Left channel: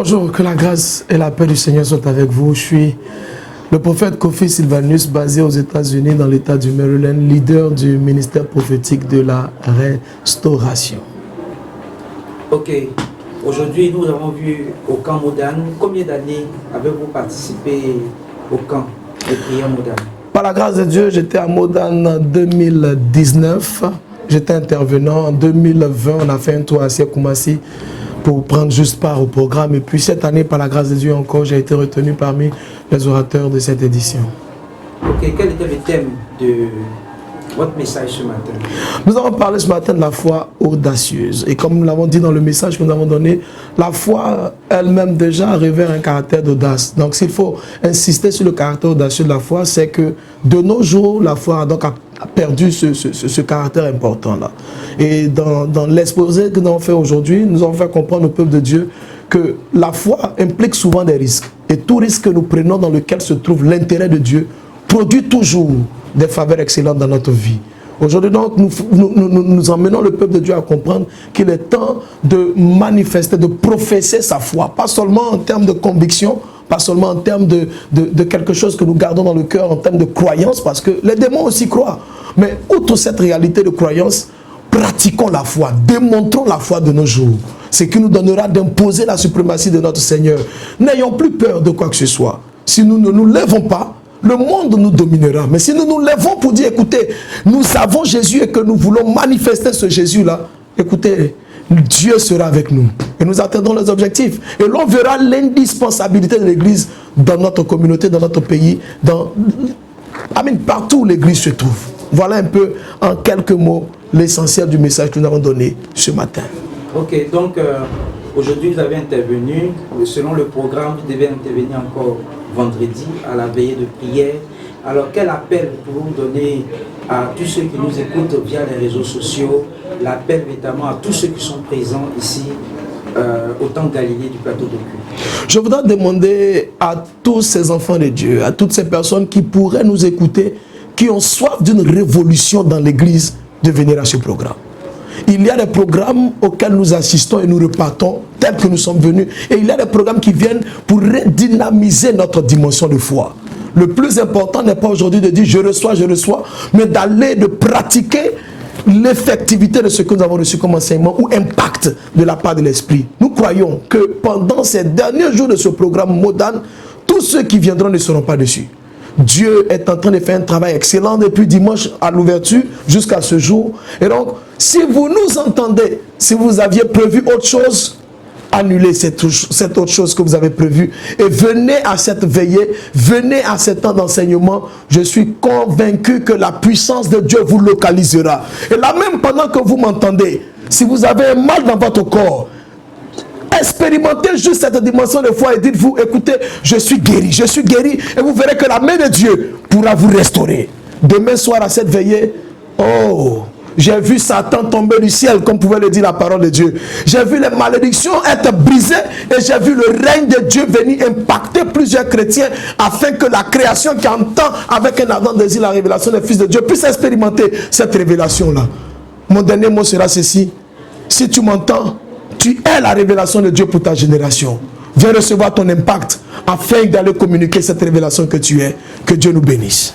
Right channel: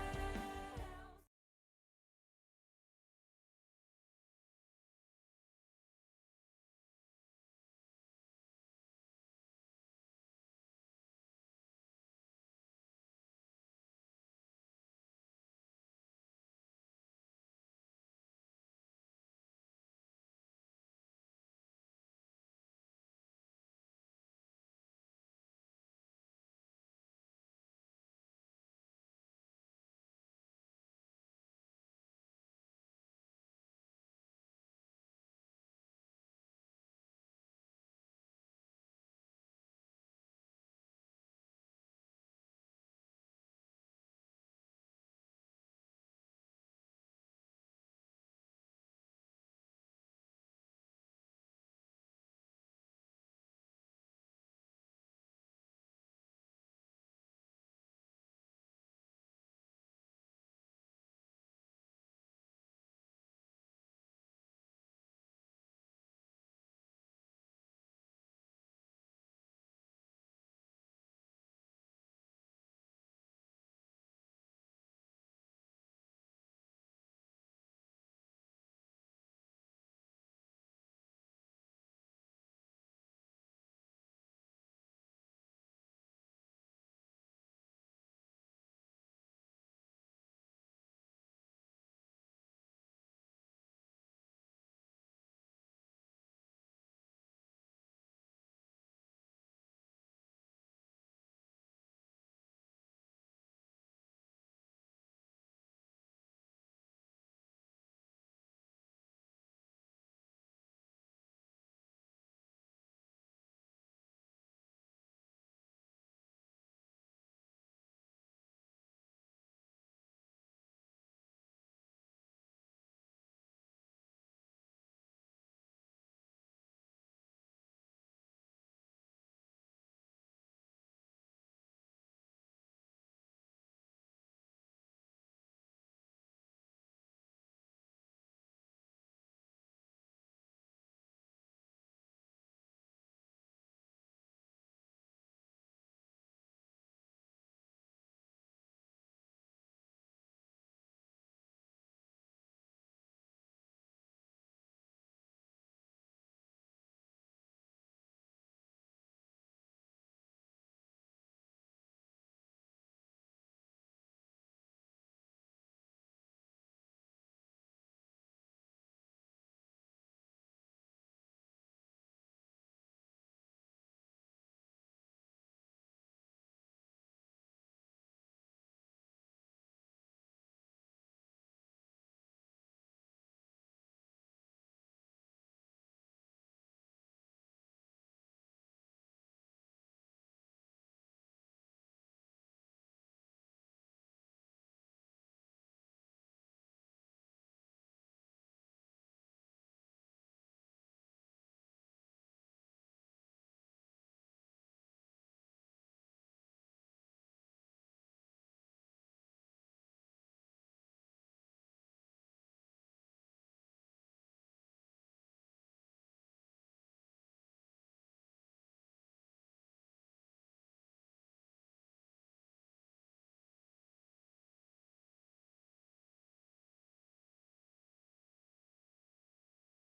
Bonjour, que la grâce et la paix du Seigneur soient avec vous. Je suis le prophète Kofi Sylvanus, basé aux États-Unis, dans l'État du Maryland, leader du ministère prophétique de la restauration. Ok, aujourd'hui nous avons vu au camp Modane. Combien d'années avez-vous participé au camp de prière Modane? Par la grâce de Dieu, j'étais à Modane en 2019. J'étais intervenant. En 2020, on a fait un tour à Siakoumasi pour prendre juste part au programme. Et puis cette année, par la grâce de Dieu encore, j'ai été retenu parmi les orateurs de cette édition. Ok, quel était le thème de votre message ce matin? Nous avons parlé ce matin de la foi audacieuse. Et comme nous l'avons dit dans le message que nous avons donné, la foi elle-même déjà révèle un caractère d'audace. Donc s'il faut insister sur le caractère audacieux de la foi, c'est que de nos jours, la foi a perdu ce caractère important-là. Et dans l'exposé que nous avons fait aujourd'hui, nous avons fait comprendre au peuple de Dieu que la foi implique souvent des risques. Et tout risque que nous prenons dans lequel se trouve l'intérêt de Dieu produit toujours des faveurs excellentes dans notre vie. Aujourd'hui donc, nous emmenons le peuple de Dieu à comprendre qu'il est temps de manifester, de professer sa foi. Pas seulement en termes de conviction, pas seulement en termes de quelque chose que nous gardons dans le cœur, en termes de croyance, parce que les démons aussi croient. Mais outre cette réalité de croyance, pratiquons la foi, démontrons la foi de nos jours. Ce qui nous donnera d'imposer la suprématie de notre Seigneur. N'ayons plus peur de quoi que ce soit. Si nous ne nous lèvons pas, le monde nous dominera. Mais si nous nous lèvons pour dire, écoutez, nous avons Jésus et que nous voulons manifester ce Jésus-là, écoutez, Dieu sera avec nous. Et nous atteindrons les objectifs. Et l'on verra l'indispensabilité de l'Église dans notre communauté, dans notre pays, partout où l'Église se trouve. Voilà un peu, en quelques mots, l'essentiel du message que nous avons donné ce matin. Ok, donc aujourd'hui vous avez intervenu. Selon le programme, vous devez intervenir encore vendredi à la veillée de prière. Alors quel appel pouvez-vous donner à tous ceux qui nous écoutent via les réseaux sociaux, l'appel notamment à tous ceux qui sont présents ici au temple Galilée du plateau de Cuire? Je voudrais demander à tous ces enfants de Dieu, à toutes ces personnes qui pourraient nous écouter, qui ont soif d'une révolution dans l'Église, de venir à ce programme. Il y a des programmes auxquels nous assistons et nous repartons tels que nous sommes venus. Et il y a des programmes qui viennent pour redynamiser notre dimension de foi. Le plus important n'est pas aujourd'hui de dire je reçois, mais d'aller, de pratiquer l'effectivité de ce que nous avons reçu comme enseignement ou impact de la part de l'Esprit. Nous croyons que pendant ces derniers jours de ce programme Modane, tous ceux qui viendront ne seront pas dessus. Dieu est en train de faire un travail excellent depuis dimanche à l'ouverture jusqu'à ce jour. Et donc, si vous nous entendez, si vous aviez prévu autre chose, annulez cette autre chose que vous avez prévue et venez à cette veillée, venez à ce temps d'enseignement. Je suis convaincu que la puissance de Dieu vous localisera. Et là même pendant que vous m'entendez, si vous avez un mal dans votre corps, expérimentez juste cette dimension de foi et dites-vous, écoutez, je suis guéri, et vous verrez que la main de Dieu pourra vous restaurer. Demain soir à cette veillée, oh, j'ai vu Satan tomber du ciel, comme pouvait le dire la parole de Dieu. J'ai vu les malédictions être brisées et j'ai vu le règne de Dieu venir impacter plusieurs chrétiens afin que la création qui entend avec un ardent désir la révélation des fils de Dieu puisse expérimenter cette révélation-là. Mon dernier mot sera ceci. Si tu m'entends, tu es la révélation de Dieu pour ta génération. Viens recevoir ton impact afin d'aller communiquer cette révélation que tu es. Que Dieu nous bénisse.